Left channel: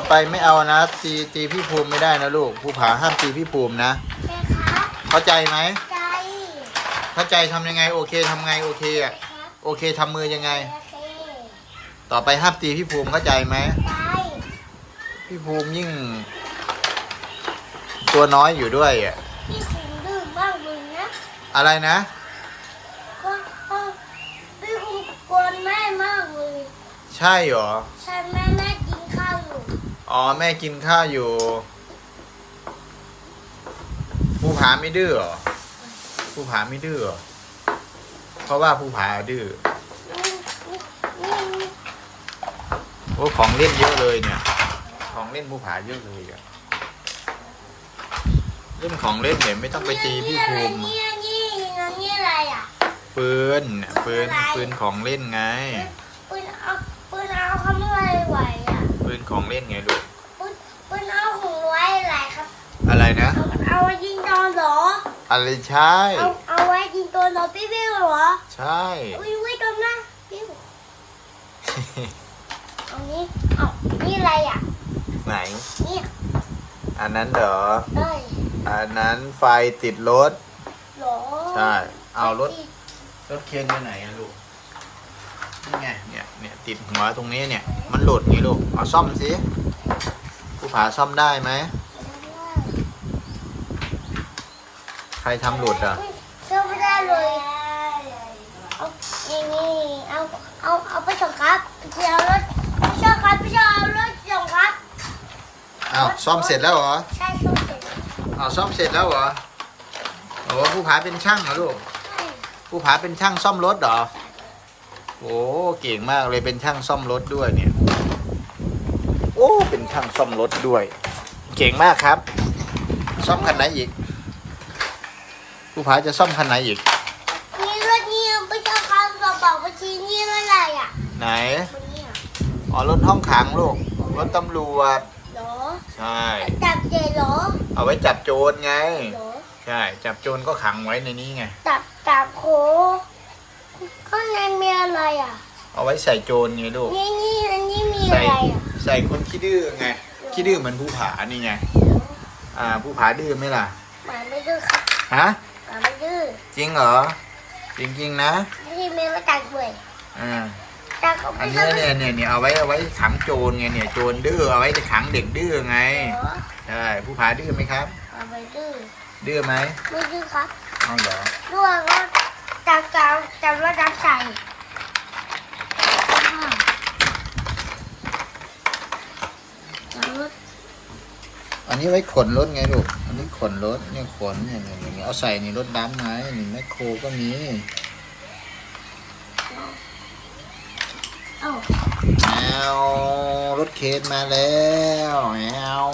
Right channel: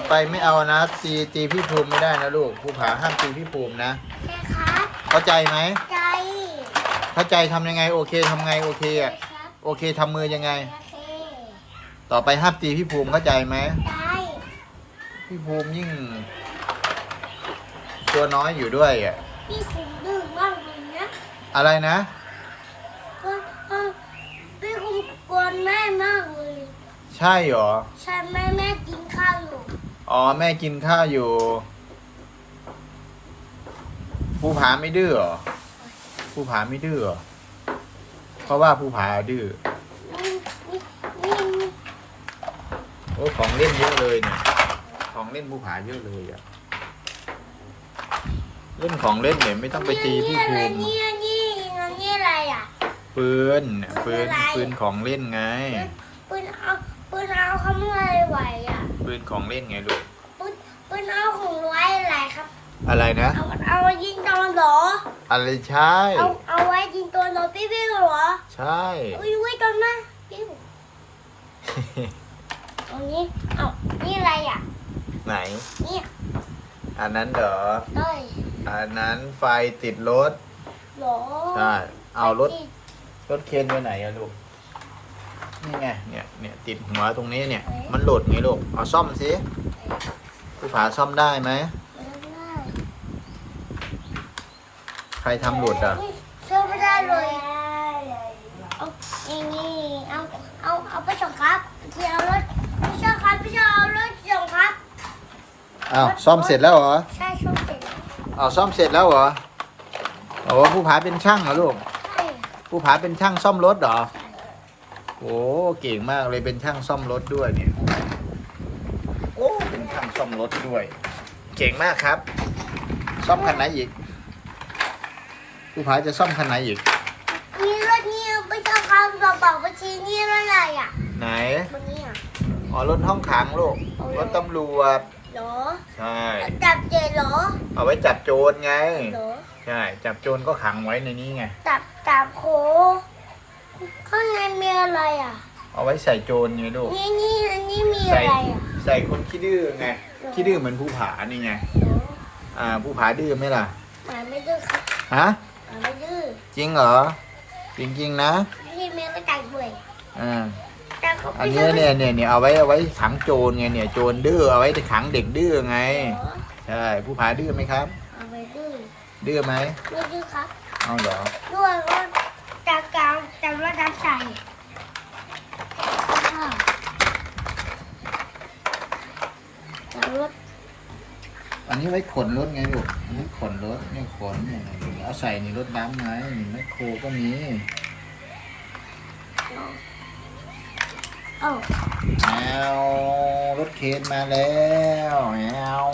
ต่อไปไม่เอานะ ตีตีพี่ภูมิไม่ได้นะลูกผู้ผาห้ามตีพี่ภูมินะใช่ครับเข้าใจไหมใจเข้าใจทำยังไงโอเคทำไงโอเคอะครับโอเคทำมือยังไง โอเคต่อไปห้ามตีพี่ภูมิเข้าใจไหมใจพี่ภูมิยิ่ง ตัวน้อยอยู่ด้วยอะพี่คุณดื้อมากเลยนะอะไรนะ ก็เออพี่คุณกวนแม่มากเลย ใช่เหรอ ใช่แม่แม่กินข้าว อ๋อ แม่กินข้าวอยู่ภูผาไม่ดื้อเหรอภูผาไม่ดื้อเหรอเพราะว่าภูผาดื้อโอ้ของเล่นเยอะเลยเนี่ย ของเล่นภูผาเยอะเลยอะเล่นของเล่นเนี่ยไม่ต้องไปตีพี่ภูมินี่นี่นี่นี่อะไรอะปืนเนี่ยปืนปืนของเล่นไงปืนเอาปืนเอาทำอะไรไหวอะ ปืนของเล่นไงลูกปืนปืนเอาของไว้อะไรครับ อะไรนะ เอาเอาไว้ยิงโดนเหรอ อะไรใช่ เอาเอาไว้ยิงโดนเหรอพี่พี่เหรอ ใช่อุ้ยไว้ตรงนั้นพี่ตรงนี้เอานี่อะไรอะ ไหน นี่ อันนั้นเหรอเอ้ยอันนั้นไฟติดรถเหรอ ใช่ เอารถ รถเคนไปไหนอะลูก นี่ไงเนี่ยเนี่ยติดหัวตรงนี้เนี่ย มันหลุดไงลูกเอาซ่อมสิผู้ผาซ่อมได้ไหมใครทำหลุดอะเชื่อไม่ได้เลยเอานี่นี่เอาเอาเอาไปส่งครับพี่เอารถพี่เชื่อครับพี่เชื่อเอารถส่งครับอ้าวซ่อมเสร็จแล้วเหรอใช่ส่งเสร็จอ้าวซ่อมเสร็จแล้วเหรอโอ้ผู้ผาเป็นช่างเหรอลูกใช่ผู้ผาเป็นช่างซ่อมรถเหรอ โอ้เก่งมากเลยเป็นช่างซ่อมรถด้วยเนี่ย โอ้เป็นช่างซ่อมรถด้วย เก่งมากครับ ซ่อมคันไหนอีกผู้ผาจะซ่อมคันไหนอีกนี่รถนี่เอาไปเชื่อครับบอกบอกไปชี้นี่อะไรอะไหนวันนี้อะอ๋อรถห้องขังลูกรถตำรวจเหรอใช่ จับเจเหรอเอาไว้จับโจรไง เหรอใช่ จับโจรก็ขังไว้ในนี้ไง จับจับโค ข้างในมีอะไรอะ เอาไว้ใส่โจรไงลูก นี่นี่อันนี้มีอะใส่ไรอะใส่คนขี้ดื้อไง ขี้ดื้อเหมือนผู้ผานี่ไงเหรออ่าผู้ผาดื้อไหมล่ะ หมาไม่ดื้อครับฮะ หมาไม่ดื้อจริงเหรอ จริงๆนะ ที่มีมาจับด้วยอ่าจับเขาอันเนี้ยเนี่ยเนี่ยเนี่ยเอาไว้เอาไว้ขังโจรไงเนี่ยโจรดื้อเอาไว้ขังเด็กดื้อไงเหรอใช่ผู้ผาดื้อไหมครับ หมาไม่ดื้อดื้อไหมไม่ดื้อครับเอาเหรอ ด้วยก็ จับจับจับแล้วจับใส่จับรถอันนี้ไว้ขนรถไงลูก อันนี้ขนรถเนี่ยขนเนี่ยเนี่ยเนี่ยเอาใส่ในรถดำไงนี่แมคโครก็มีเอ้าแอวรถเคนมาแล้วแอว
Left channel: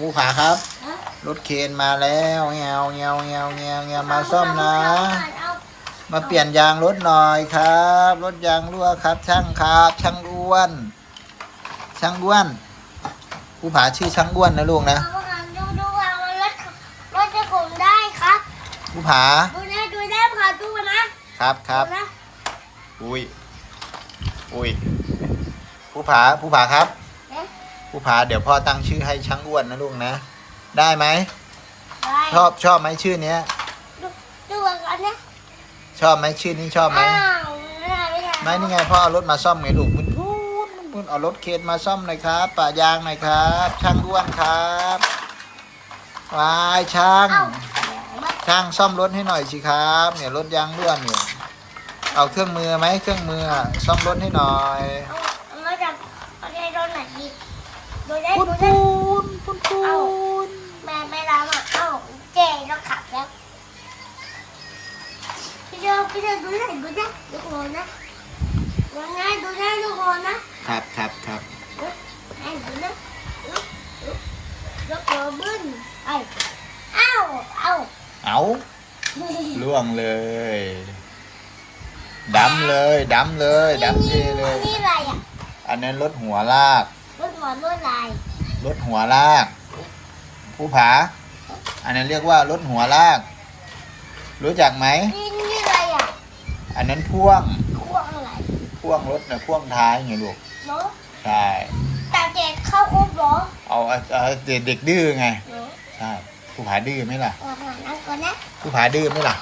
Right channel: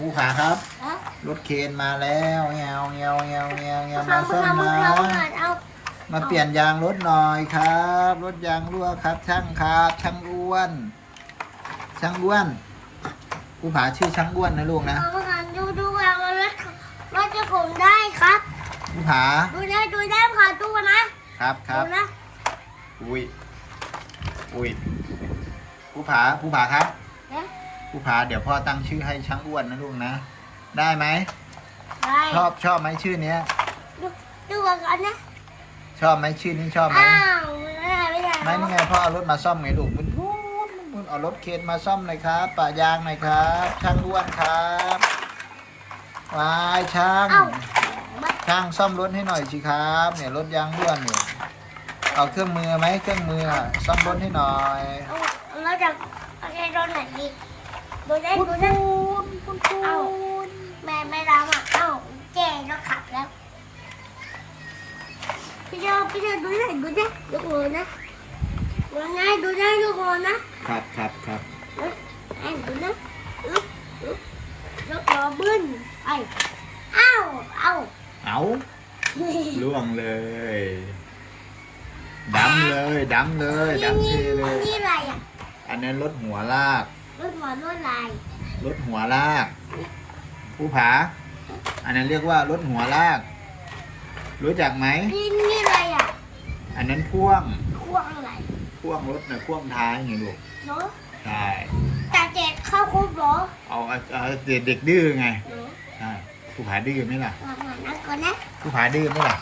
ผู้ผาครับ รถเคนมาแล้วแอวแอวแอวแอวแอวมาซ่อมนะเอามาเปลี่ยนยางรถหน่อยครับ รถยางรั่วครับ ช่างครับ ช่างอ้วน ช่างอ้วนผู้ผาชื่อช่างอ้วนนะลูกนะเอาประกันดูดูว่ารถรถจะขนได้ครับผู้ผาดูได้ดูได้ผ่าตู้นะครับครับดูนะอุ้ยอุ้ยผู้ผาผู้ผาครับนะผู้ผาเดี๋ยวพ่อตั้งชื่อให้ช่างอ้วนนะลูกนะ ได้ไหม ได้ชอบชอบไหมชื่อเนี้ย ดูดูว่าก่อนนะชอบไหมชื่อนี้ชอบไหมอ้าวไม่ได้ไม่ได้ไม่นี่ไงพ่อเอารถมาซ่อมไงลูกมุนพูนมุนพูนเอารถเคนมาซ่อมหน่อยครับป่ายางหน่อยครับ ช่างอ้วนครับวายช่าง เอ้ามาช่างซ่อมรถให้หน่อยสิครับ เนี่ยรถยางร่วนเนี่ยเอาเครื่องมือไหมเครื่องมืออะซ่อมรถให้หน่อย เอาเอามาจากเอาใจโดนไหนดีดูได้ปุนดูได้ ปูนปุนปู เอ้า น แม่ไม่รับอะเอ้าเจ๊เราขับแล้วพี่เจ้าพี่เจ้า ดูได้ดูได้ดูโอนนะดูไงดูได้ดูโอนนะครับครับครับไอ้ดูนะอึ๊บอึ๊บยกล้อบึ้นไอ้เอ้าเอ้าเอาล่วงเลยดำเลยดำเลยดำนี่ทีเลยนี่อะไรอะอันนั้นรถหัวลากรถหมอรถลายรถหัวลากผู้ผา อันนั้นเรียกว่ารถหัวลาก รู้จักไหมนี่นี่อะไรอะ อันนั้นพ่วงควงอะไรพ่วงรถนะพ่วงท้ายไงลูก เนาะใช่จับเด็กเข้าคุกเหรอเอาเอาเอาเด็กเด็กดื้อไงหนูใช่ผู้ผาดื้อไหมล่ะก่อนนั่งก่อนนะผู้ผาดื้อไหมล่ะ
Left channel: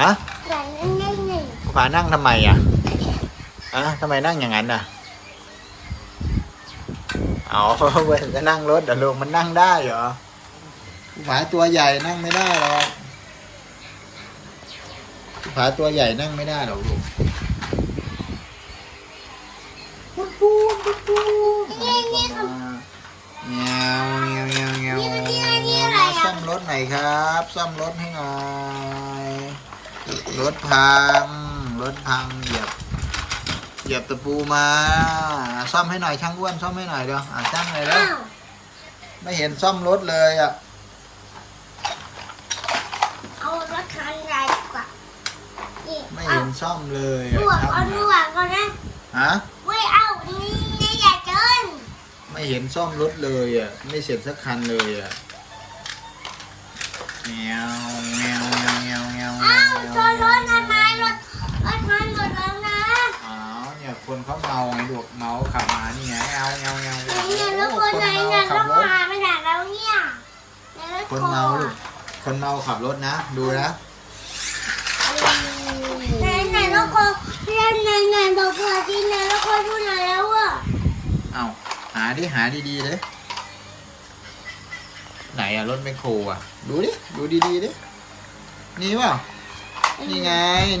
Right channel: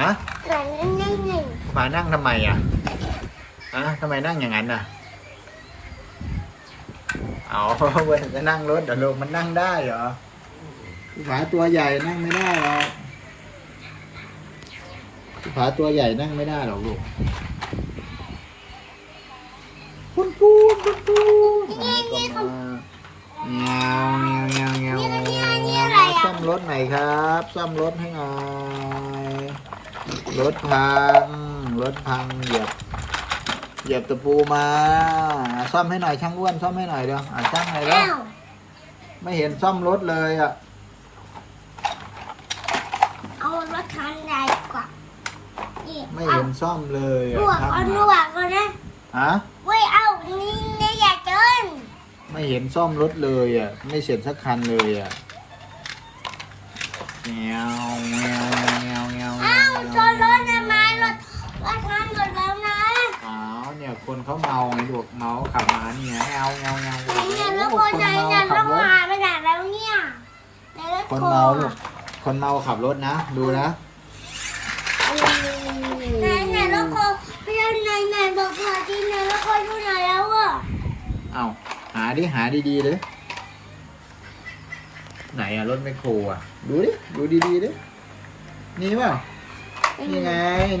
ฮะก่อนนั่งนั่งหนึ่งผู้ผานั่งทำไมอะอะทำไมนั่งอย่างนั้นอะเอาเว้ยจะนั่งรถเดี๋ยวลงมันนั่งได้เหรอผู้ผาตัวใหญ่นั่งไม่ได้หรอก ผู้ผาตัวใหญ่นั่งไม่ได้หรอกลูกปุ้นปูนปุ้นปูนนี่นี่คือเงี้ยวเงี้ยวเงี้ยวเงี้ยวซ่อมรถหน่อยครับ ซ่อมรถให้หน่อย รถพัง รถพังเหยียบ เหยียบตะปูมา ซ่อมให้หน่อยช่างอ้วน ซ่อมให้หน่อยเดี๋ยวอะช่างหน่อยเดี๋ยวไม่เห็นซ่อมรถเลยอะ เอารถคันใหญ่กว่านี่ ไม่ เอาเห็นซ่อมเลยลอะวกช่างเอาหลน่อยวกก่อนนะฮะ เว้ยเอานี่นี่อย่าเกินไม่เห็นซ่อมรถเลยอะ ไม่เสร็จสักคันเลยอะเงี้ยวเงี้ยวเงี้ยวเงี้ยวเงี้ยวอ้าวชนรถทำไมรถรถคันหมดแล้วนะอ้าวเนี่ยคนเขาเมาไงลูกเมาขับมานี่ไงเงาเงาเงาเนี่ยแล้วโอ้คนโหไหนคนเนี่ยเมาแล้ขัวบก็รถหายไปไหนแล้วเนี่ยในรถคนโคเมาลูกคนเมาขับรถนะ ดูนะ ไหนไหนร ถโคพี่ไหนไหนบอกเพื่อนที่ไหนรถโคพูดหน่อยแล้วอะเอาหาดิหาดีๆเลยไหนอะรถไมคโครอะดูดิดูดีๆดินี่เปล่านี่ไง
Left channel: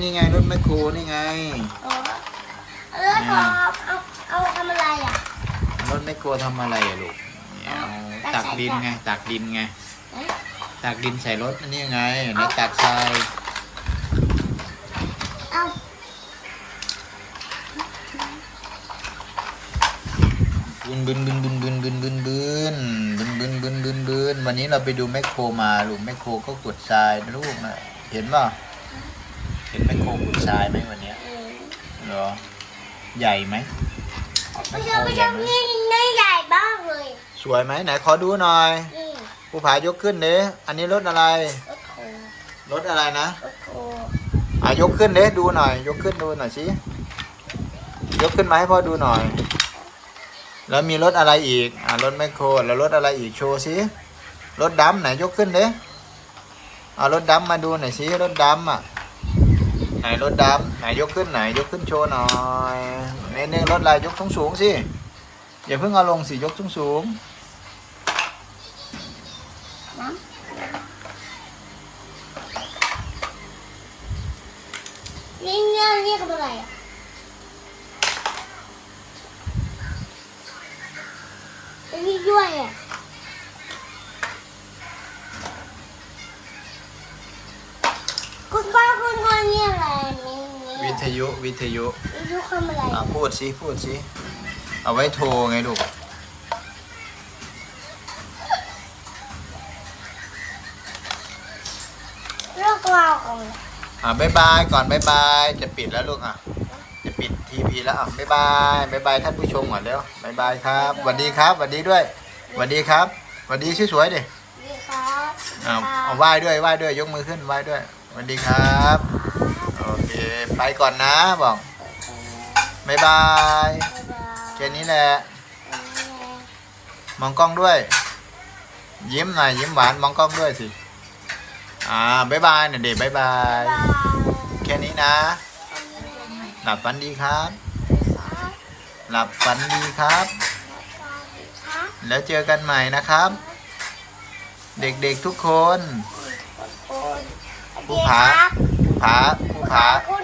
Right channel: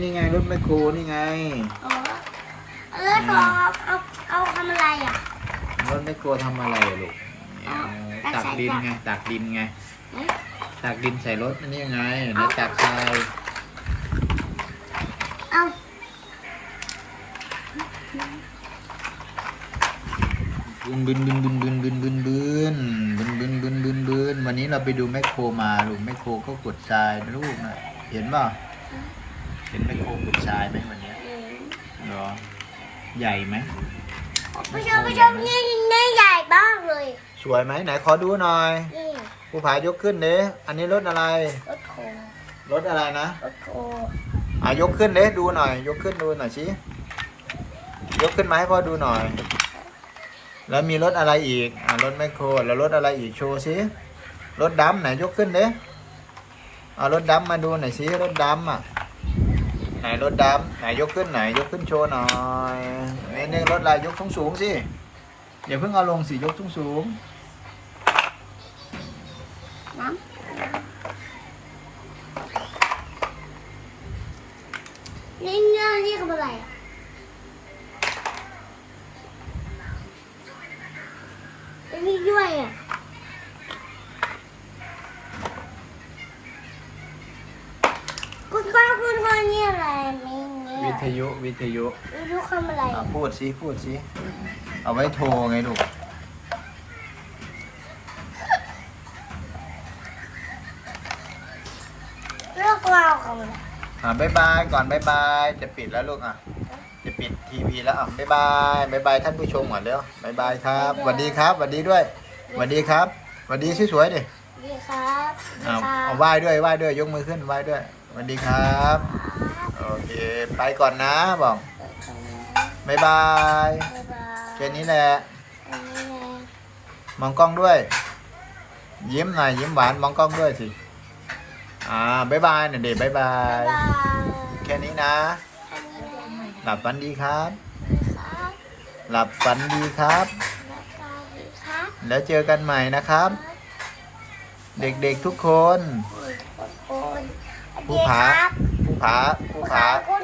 นี่ไงรถไมคโครนี่ไงอ๋อแล้วขอเอาเอาทำอะไรอะรถไมคโครทำอะไรอะลูกเอาตักดินไงตักดินไงตักดินใส่รถอันนี่ไงในตักทราย บึนบึนบึนบึนบึนบึนบึนบึนบึนบึนบึนบึนบึนวันนี้เราไปดูแมคโครมาลูกแมคโครก็ขุดทรายนะลูกนะเห็นป่ะเห็นแมคโครขุดทรายไหมวันเนี้ยเออเหรอใหญ่ไหมผู้ชมผู้ชมนี่นี่ใหญ่บ้างเลยสวยไหมไหนขอดูหน่อยนี่ผู้ผายกขึ้นเด้อันนี้รถอะไรรถโครถอะไรนะรถโคอะยกขึ้นเด้ดูหน่อย ยกขึ้นดูหน่อยสิยกขึ้นมาให้พ่อดูหน่อย แล้วมีรถอะไรอีก อ่ารถแมคโคร แล้วรถอะไรอีกโชว์สิรถดำไหนยกขึ้นเด้เอารถดำมาดูหน่อยสิรถดำอะ ไหนรถดำไหนยกขึ้นไหนยกขึ้นโชว์หน่อยนี่นี่รถอะไรยกสูงสูงๆสิอย่าเพิ่งเอาลงสิยกสูงสูงนี่เนี่ยนี่คืออะไรอะ ทยุ วิทยุวิทยุทำอะไรอะอะพูดสิพูดสิเอาไว้โทรไงลูกเรื่องราวของอะไรอะบายบายก่อนบายบายจะปิดแล้วลูกอะ จะปิดทีพีแล้วอะบายบายบายบายท่านผู้ชมก่อนเร็วบายบายครับสวัสดีครับสวัสดีด้วยสวัสดีครับสวัสดีสวยๆดิดีครับดีอ่าครัเอาบไหว้ด้วยไหว้ด้วยยกมือขึ้นไหว้ด้วยสวัสดีครับ โอเค ไปก่อนนะบอกบายบายบ๊ายบายแค่นี้แหละอันนี้ไงมองกล้องด้วย ยิ้มหน่อยยิ้มหวานมองกล้องด้วยสิ อ่าบายบายหน่อยเด็บายบาบ๊ายยบายแค่นี้นะอันนี้ไงหลับฝันดีครับดีครับหลับฝันดีครับ แล้วก็ดีครับแล้วเจอกันใหม่นะครับ เด็กๆทุกคน คนคนผู้ผาผู้ผาผู้ 不爬不爬。